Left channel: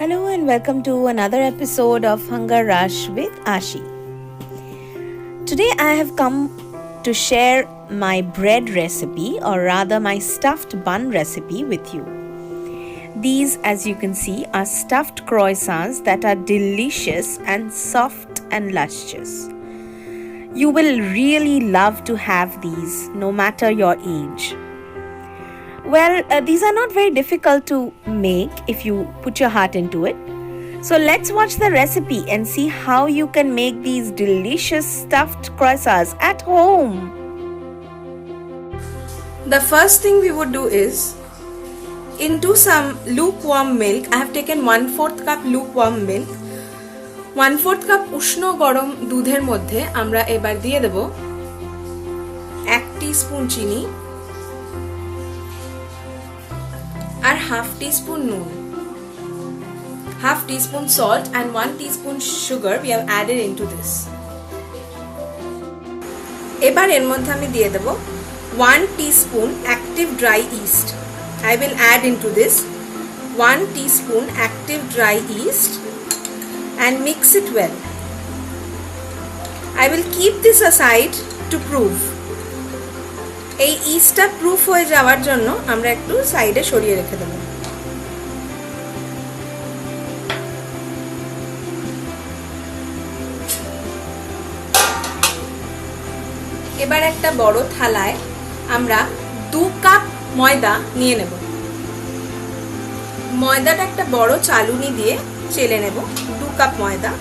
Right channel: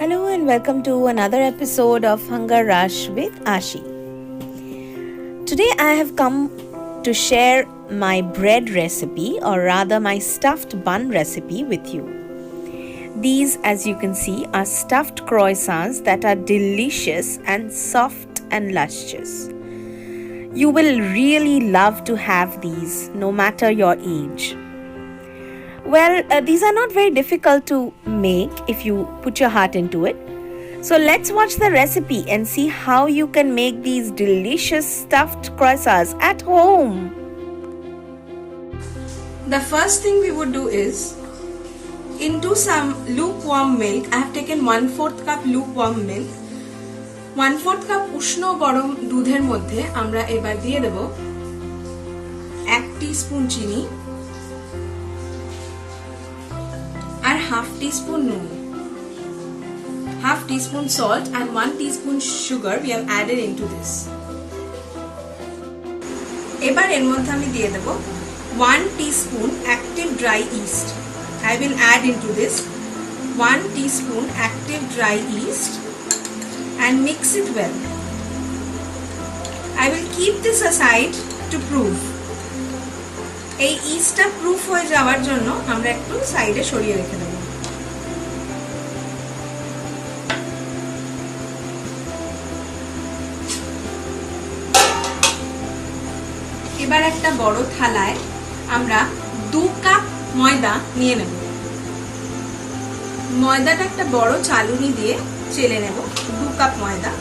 Hello and welcome to another episode of Hunger Rush with Ashi. Today I have come to share my bread recipe, or rather my stuffed bun recipe with you. These, as you can see, are stuffed croissants that are delicious and soft and luscious. You will really love to have these no matter your age. Well, these are not very difficult to make if you put your heart into it. So let's watch the recipe and see how you can make these delicious stuffed croissants at home. The first thing we would do is, into some lukewarm milk, I have taken 1/4 cup lukewarm milk. 1/4 cup উষ্ণ গরম দুধের মধ্যে আমরা এবার দিয়ে দেব 1 টিস্পুন চিনি আর half teaspoon নুন, half teaspoon salt and 1 teaspoon sugar we have added into this. এবার এর মধ্যে আমি দিয়ে দেব 1 teaspoon active dry yeast. I will add into this 1 teaspoon active dry yeast and mix it well. I will keep this aside to proof. এই ইস্টটা প্রুফ হয়ে যাওয়ার জন্য আমরা একটু সাইডে সরিয়ে রেখে দেব। এবার একটা বড় থালায় আমরা 2 কাপ ময়দা নিয়ে নেব। ময়দাটা একটা বড় চালুনি দিয়ে চেলে নেব। 2 কাপ ময়দা।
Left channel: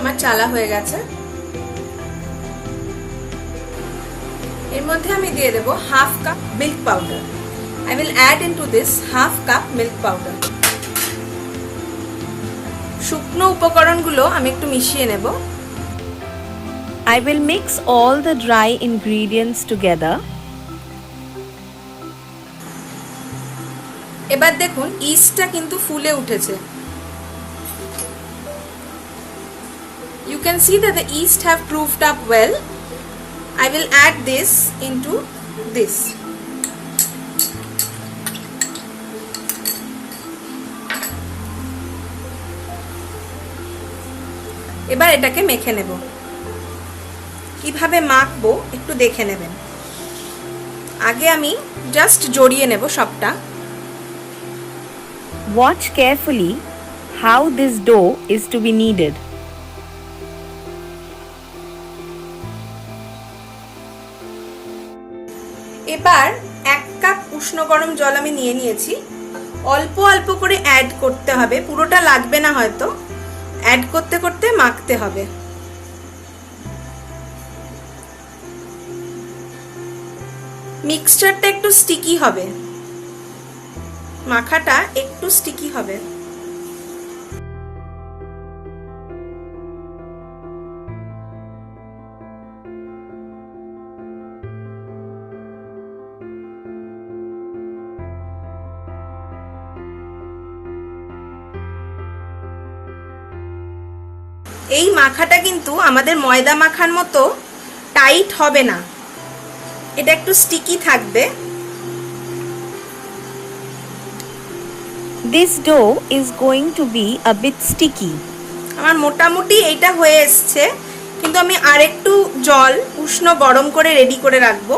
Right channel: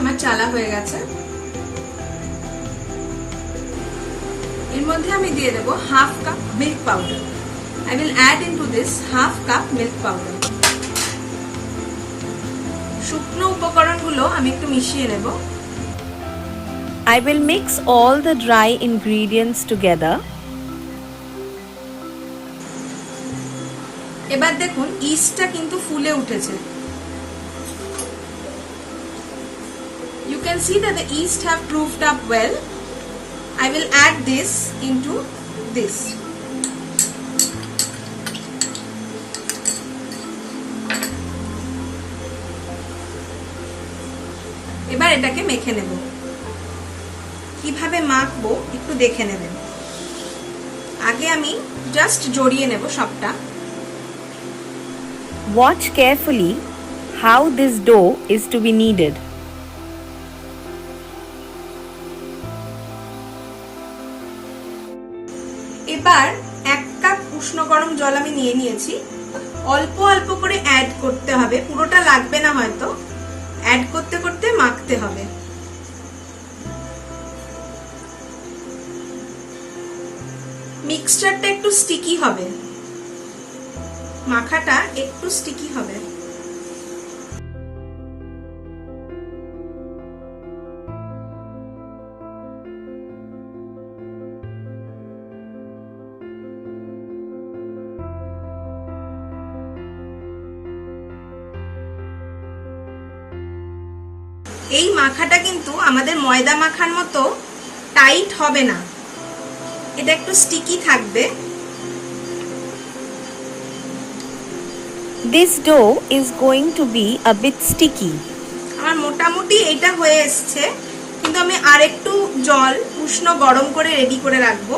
আমার চালা হয়ে গেছে। এর মধ্যে আমি দিয়ে দেব half cup milk powder. I will add into this half cup milk powder. শুকনো উপকরণগুলো আমি একটু মিশিয়ে নেব। I will mix all the dry ingredients together. এবার দেখুন ইস্টটা কিন্তু ফুলে উঠেছে। You can see that the yeast have proofed up well. I will add this into this. এবার এটাকে মেখে নেব। কিভাবে মাখবো একটু দেখে নেবেন। আগে আমি জাস্ট জড়িয়ে নেব সবটা। Watch carefully how this dough is to be kneaded. এবার 1 কাপ উষ্ণ গরম জল আমি নিয়ে নিয়েছি। অল্প অল্প করে অ্যাড করতে হবে, পুরোটা লাগবে না হয়তো। অ্যাড করতে করতে মাখতে হবে। মিক্সচারটা একটু স্টিকি হবে, মাখাটা একটু স্টিকি হবে। এই মাখাটা কিন্তু আমাদের ময়দা মাখার মতো টাইট হবে না, এটা একটু স্টিকি থাকবে। This dough is going to be a bit sticky. আমার মোটামুটি এটা হয়ে এসছে, কিন্তু আমি আরেকটু জল উষ্ণ গরম করে রেডি করে রাখবো,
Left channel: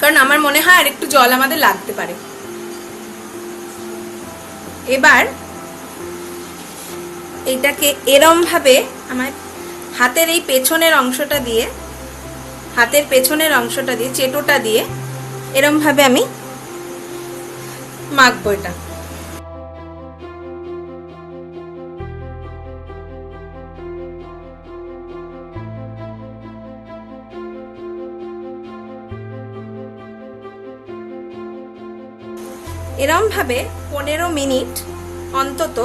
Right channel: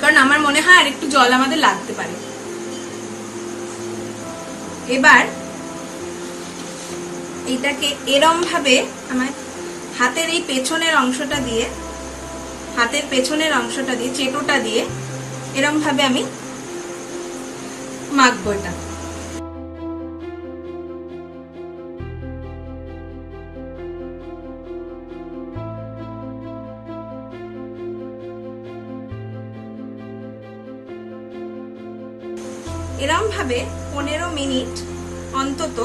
কারণ আমার মনে হয় আরেকটু জল আমাদের লাগতে পারে। এবার এটাকে এরম ভাবে আমার হাতের এই পেছনের অংশটা দিয়ে, চেটোটা দিয়ে এরম ভাবে আমি মাখবো এটা। এরম ভাবে 15 মিনিট অন্তত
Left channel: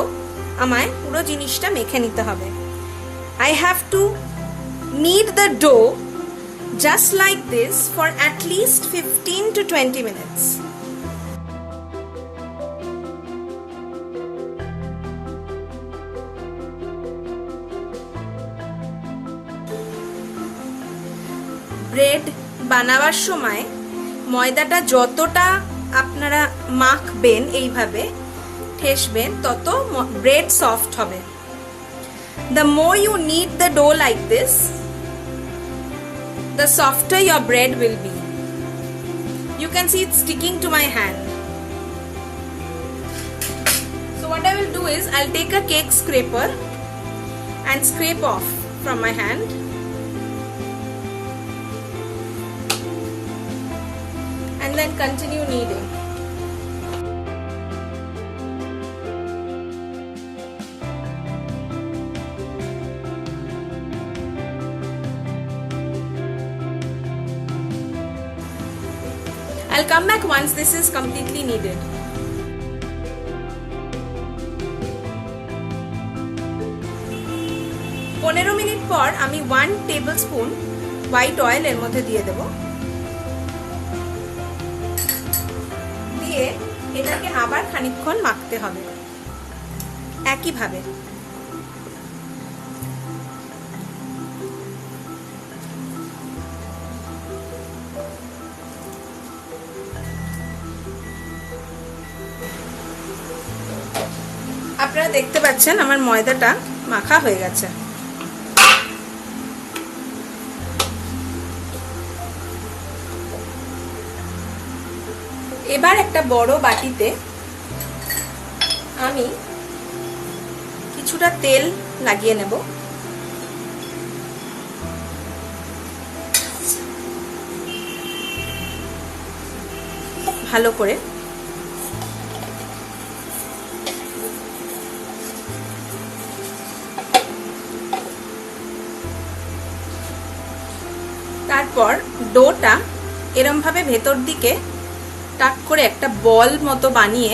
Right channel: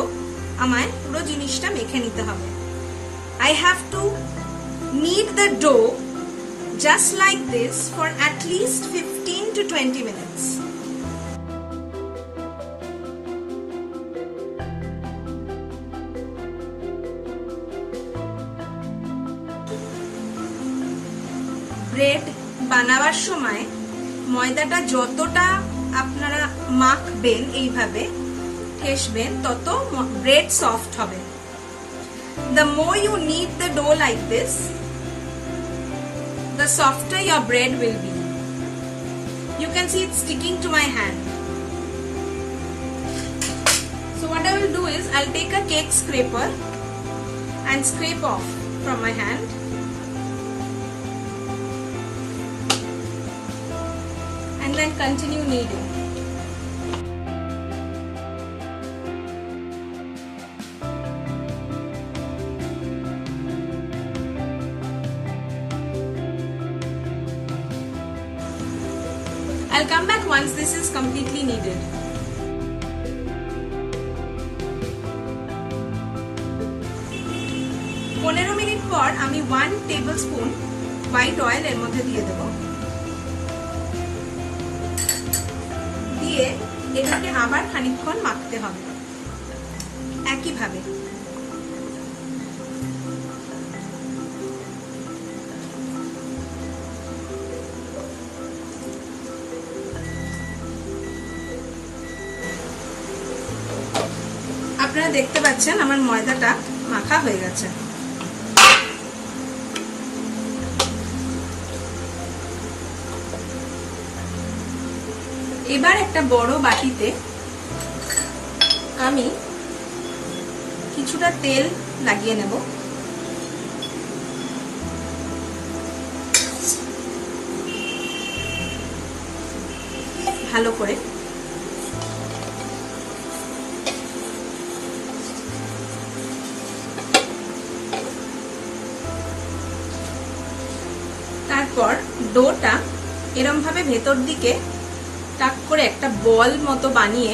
আমায় পুরো জিনিসটা মেখে নিতে হবে। I have to knead the dough just like this for at least 15 to 20 minutes. ব্রেড বানাবার সময় ময়দাটা যতটা আপনারা মাখবেন, এইভাবে ঠেসবেন, তত ব্রেড সফট হবে। The more you knead the dough like this, the softer your bread will be. You can see it's sticking to my hand. So what I will do is I'll take a cake scraper and scrape off from my hand. And then continue kneading. I'll come back once this is completely kneaded. পনেরো মিনিট পর আমি 1 tablespoon white oil এর মধ্যে দিয়ে দেব। দিয়ে এটাকে আবার খানিকক্ষণ মাখতে হবে একইভাবে। আপনারা দেখতে পাচ্ছেন আমার ময়দাটা মাখা হয়ে গেছে। এবার একটা বড় বাটিতে আমি কিছুটা তেল লাগিয়ে নেব। ভালো করে তারপর ডোটা এরকম ভাবে ভেতর দিকে টাক করে একটা বল মতো বানিয়ে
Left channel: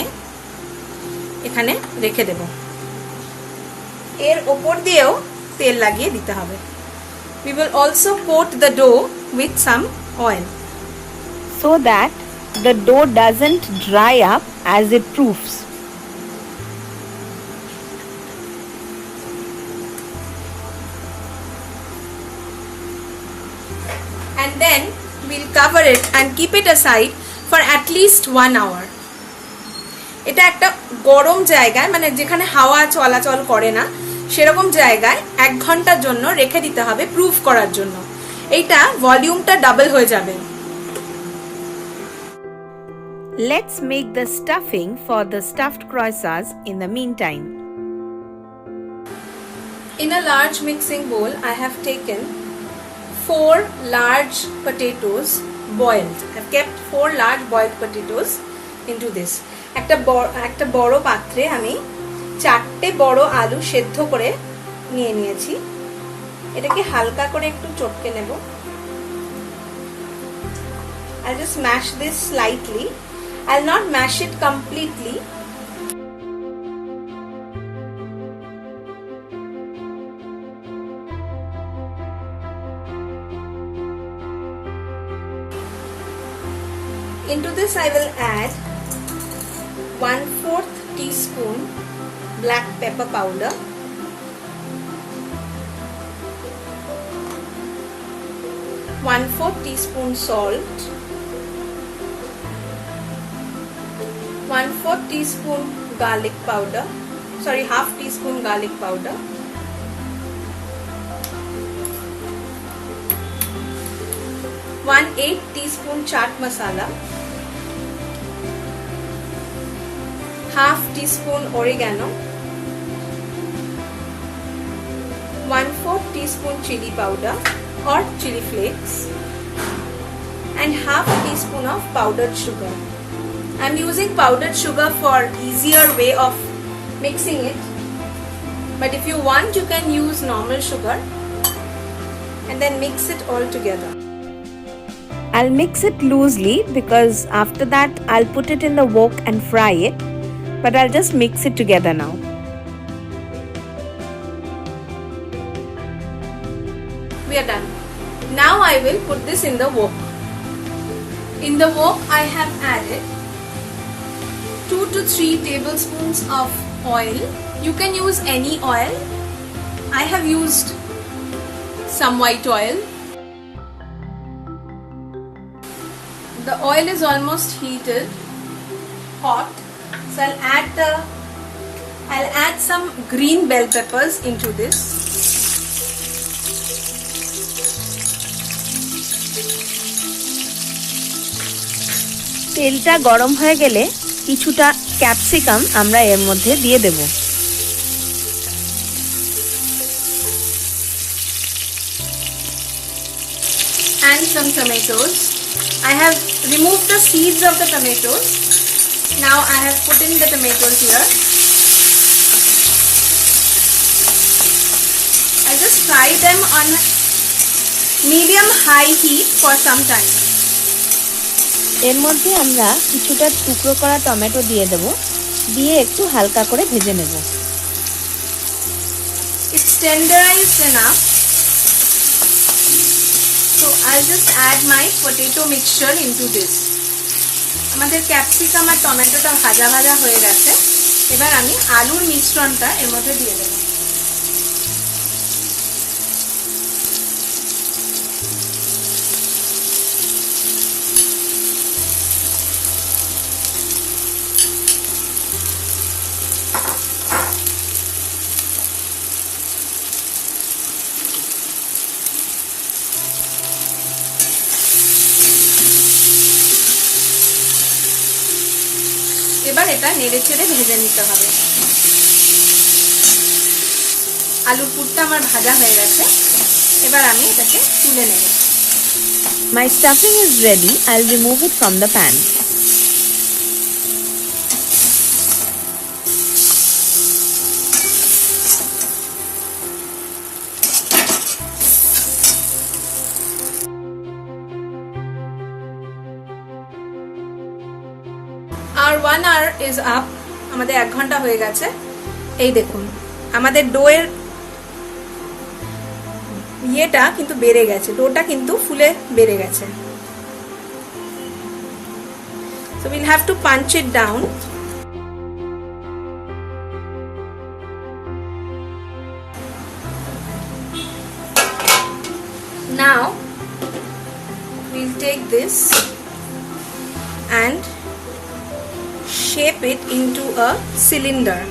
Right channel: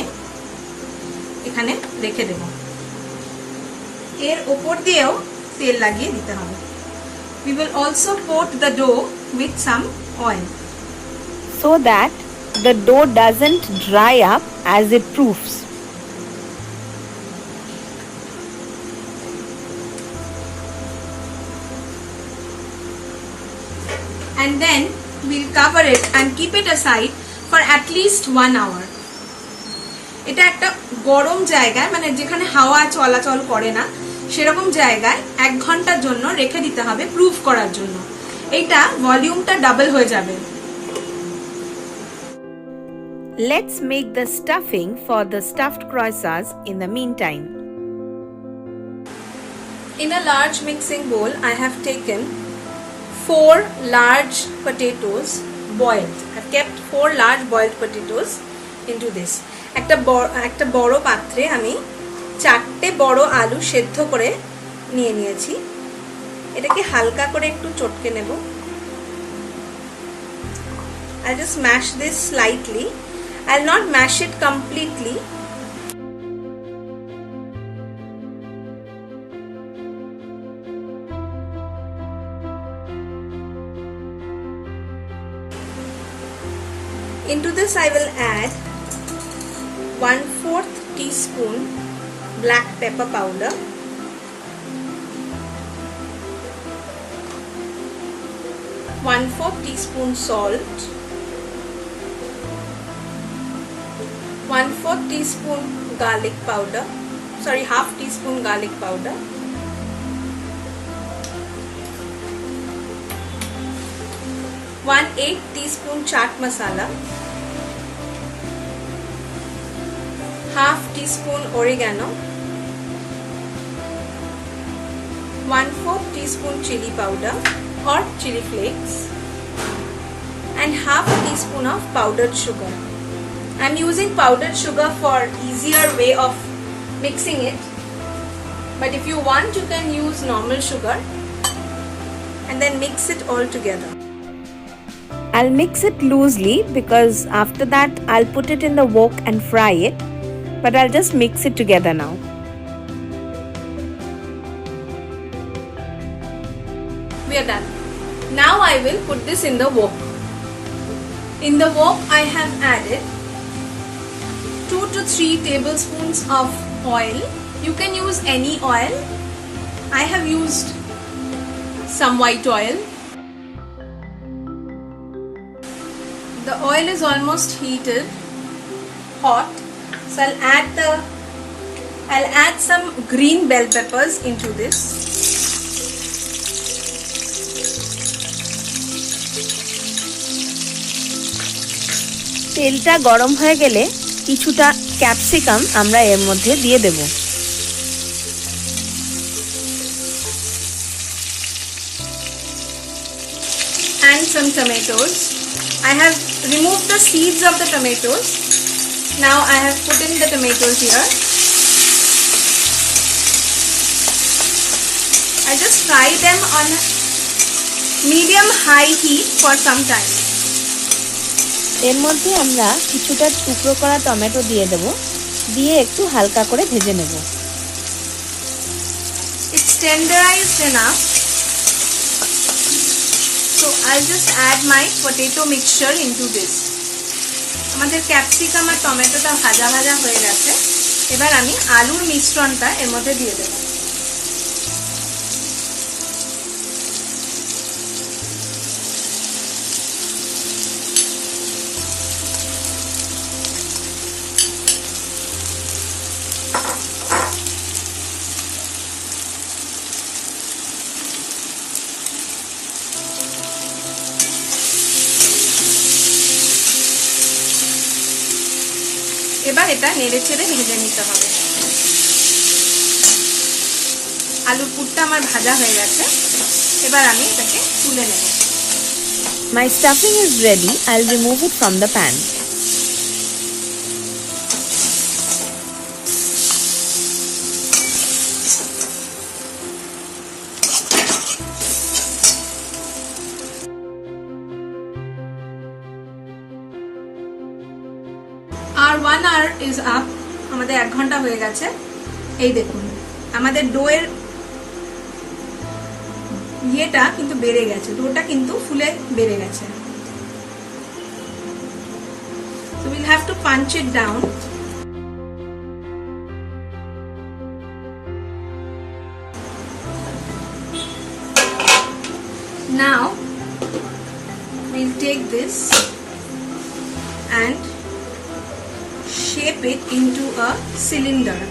এখানে রেখে দেব। এর উপর দিয়েও তেল লাগিয়ে দিতে হবে। We will also coat the dough with some oil so that the dough doesn't dry up as it proofs. And then we'll cover it and keep it aside for at least 1 hour. এটা একটা গরম জায়গায়, মানে যেখানে হাওয়া চলাচল করে না সেরকম জায়গায় 1 ঘন্টার জন্য রেখে দিতে হবে প্রুফ করার জন্য। এইটা ভলিউমটা ডাবল হয়ে যাবে। Let's make the stuffing for the stuffed croissants in the meantime. In a large mixing bowl, I have taken 4 large potatoes boiled. I've kept 4 large boiled potatoes into this. একটা বড় পাত্রে আমি 4টে বড় আলু সেদ্ধ করে নিয়ে নিয়েছি। এটাকে হালকা করে একটু চটকে নেব। I'll just mash this slightly. I'll not mash it completely. Into this I will add 1/4 teaspoon black pepper powder, 1/4 teaspoon salt, 1/4 teaspoon garlic powder, half teaspoon garlic powder, 1/8 teaspoon chaat masala, half teaspoon oregano, 1/4 teaspoon chili powder or chili flakes, and half a teaspoon of powdered sugar. I'm using powdered sugar for easier way of mixing it, but if you want you can use normal sugar and then mix it all together. I'll mix it loosely because after that I'll put it in the wok and fry it, but I'll just mix it together now. We are done. Now I will put this in the wok. In the wok I have added 2 to 3 tablespoons of oil. You can use any oil. I have used some white oil. The oil is almost heated, hot. So I'll add some green bell peppers into this. তেলটা গরম হয়ে গেলে কিছুটা ক্যাপসিকাম আমরা এর মধ্যে দিয়ে দেব। And some tomatoes. I have removed the seeds of the tomatoes. Now I have put in the tomatoes here. I just fry them on medium high heat for some time. এর মধ্যে আমরা কিছুটা টুকরো করা টমেটো দিয়ে দেব, দিয়ে একটু হালকা করে ভেজে নেব। It's tenderized enough. So I'll just add my potato mixture into this. আমাদের ক্যাপসিকাম আর টমেটোটা ভাজা ভাজা হয়ে গেছে। এবার আমি আলুর মিশ্রণটা এর মধ্যে দিয়ে দেব। এবার এটা নেড়েচেড়ে ভেজে নিতে হবে। আলুর পুরটা আমার ভাজা হয়ে গেছে, এবার আমি এটাকে তুলে নেব। My stuffing is ready. I'll remove it from the pan. R 1 hour is up. আমাদের 1 ঘন্টা হয়ে গেছে। এই দেখুন আমাদের ডোয়ের ইয়েটা কিন্তু বেড়ে গেছে, ডোটা কিন্তু ফুলে বেড়ে গেছে। So we'll have to punch it down. Now we'll take this and shape it into a cylinder.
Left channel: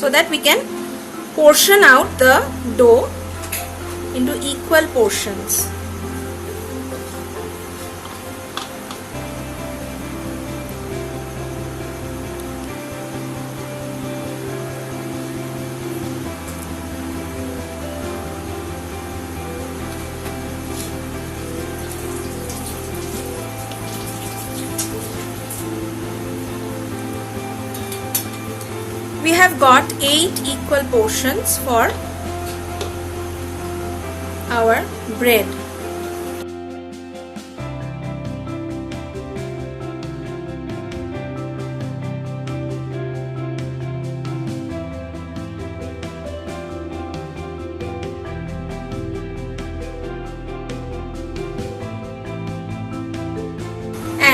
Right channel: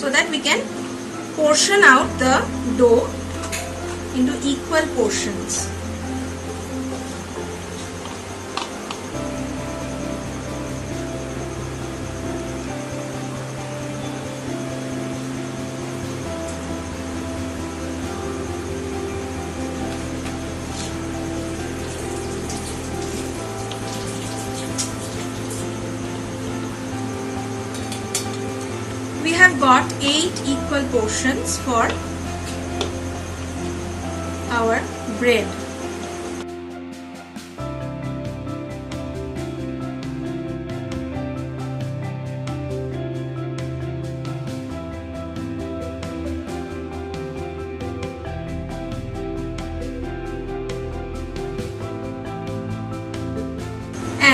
So that we can portion out the dough into equal portions. We have got 8 equal portions for our bread.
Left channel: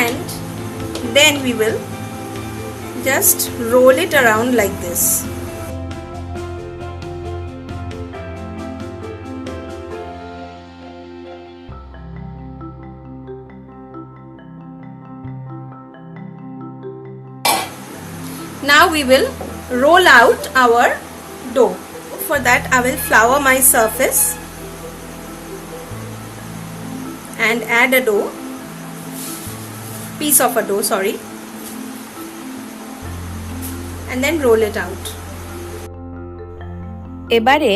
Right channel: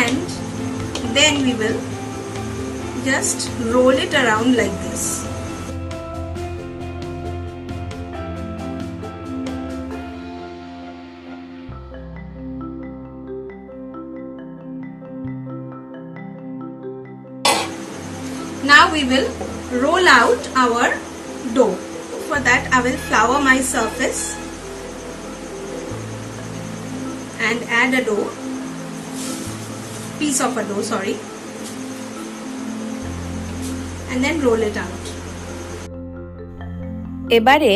And then we will just roll it around like this. Now we will roll out our dough. For that I will flour my surface and add a piece of a dough, sorry. And then roll it out. এবারে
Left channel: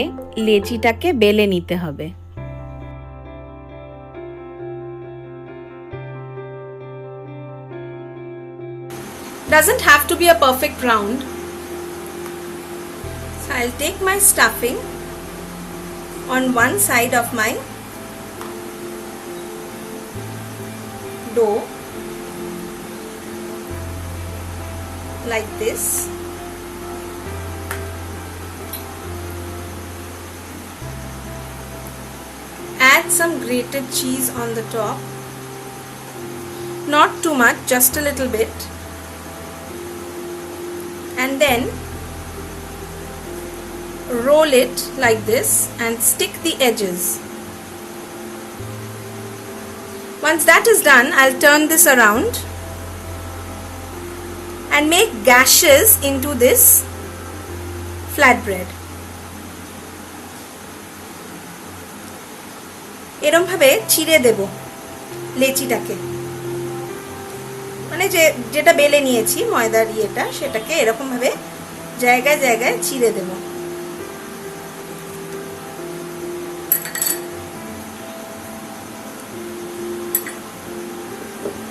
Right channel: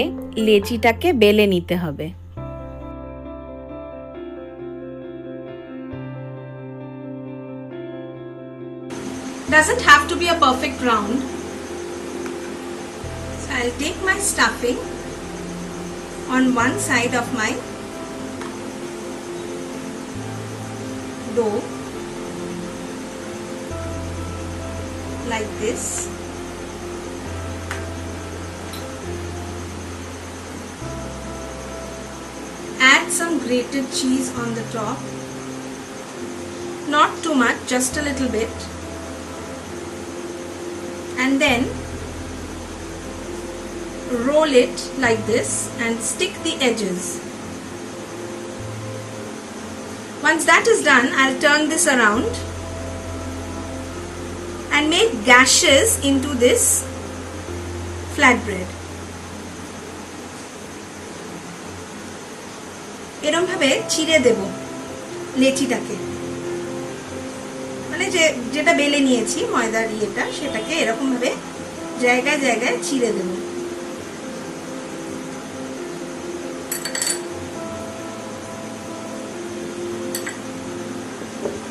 লেচিটাকে বেলে নিতে হবে। Doesn't have to be a perfect round. So I'll take my stuffing on one side of my dough like this. Add some grated cheese on the top. Not too much, just a little bit. And then roll it like this and stick the edges. Once that is done, I'll turn this around and make gashes into this flatbread. এরকম ভাবে চিড়ে দেব লেচিটাকে, মানে যেটা বেলে নিয়েছি ময়দার ইয়েটা, সেটাকে এরকম ভাবে জায়গায় জায়গায় চিড়ে দেব।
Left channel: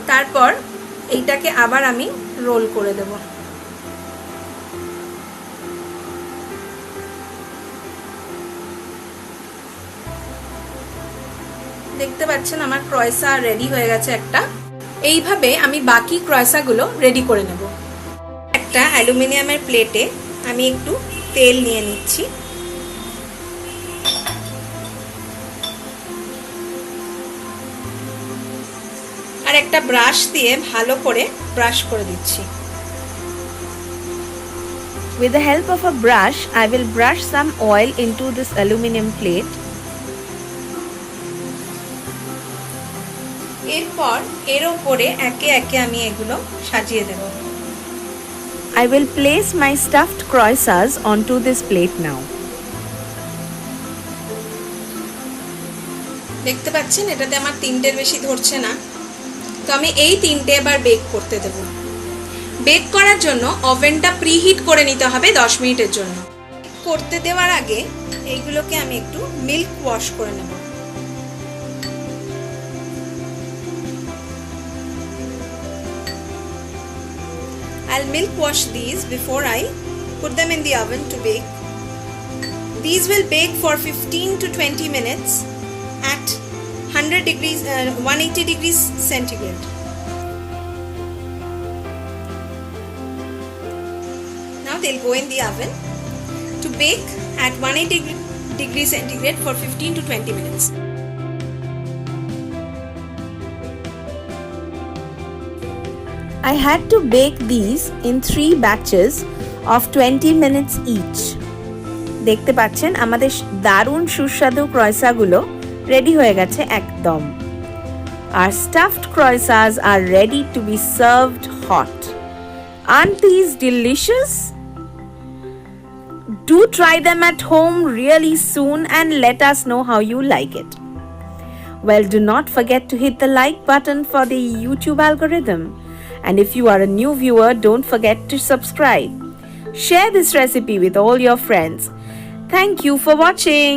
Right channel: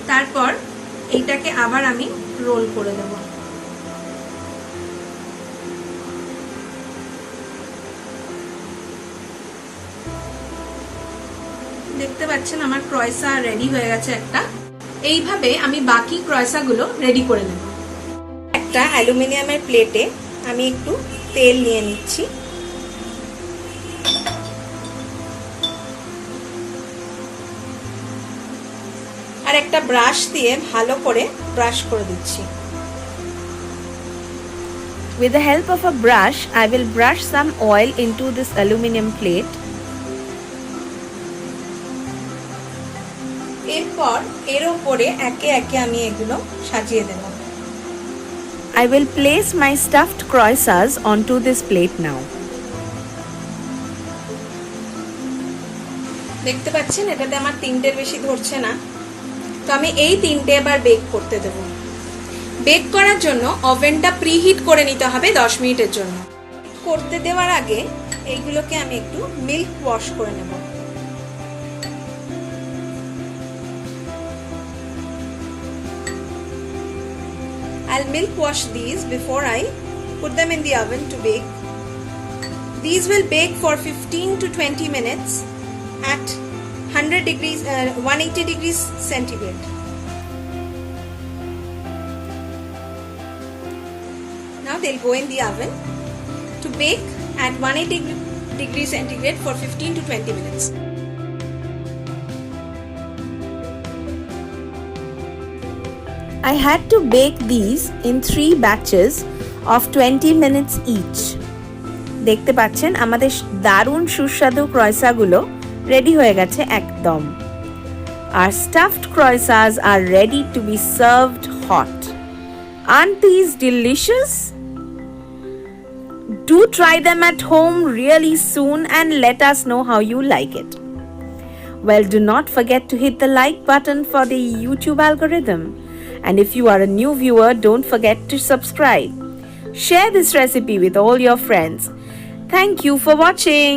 তারপর এইটাকে আবার আমি রোল করে দেব। দেখতে পাচ্ছেন আমার ক্রয়সা রেডি হয়ে গেছে একটা। এইভাবে আমি বাকি ক্রয়সাগুলো রেডি করে নেব। একটা অ্যালুমিনিয়ামের প্লেটে আমি একটু তেল নিয়ে নিচ্ছি। আর একটা ব্রাশ দিয়ে ভালো করে ব্রাশ করে দিচ্ছি। With the help of a brush, I will brush some oil into this aluminum plate. এরপর এর উপরে একে একে আমি এগুলো সাজিয়ে দেব। I will place my stuffed croissants onto this plate now. দেখতে পাচ্ছেন এটাতে আমার তিনটের বেশি ধরছে না, তো আমি এই তিনটে এবার বেক করতে দেব। বেক করার জন্য ওভেনটা প্রিহিট করে নিতে হবে 10 মিনিটের জন্য। করতে দেওয়ার আগে এইগুলোকে আমি একটু মিল্ক ওয়াশ করে নেব। I'll milk wash these before I put them in the oven to bake. These will bake for 15 to 20 minutes at 180 degrees centigrade. Now they'll go in the oven to bake at 180 degrees centigrade for 15 to 20 minutes. I had to bake these in 3 batches of 20 minutes each. দেখতে পাচ্ছেন আমাদের দারুণ সুস্বাদু ক্রয়সাগুলো রেডি হয়ে গেছে একদম। Our stuffed croissants are ready to be served hot. Aren't these delicious? Do try them at home really soon and let us know how you like it. Well, do not forget to hit the like button for the YouTube algorithm. And if you are a new viewer, don't forget to subscribe. Share this recipe with all your friends. Thank you for watching.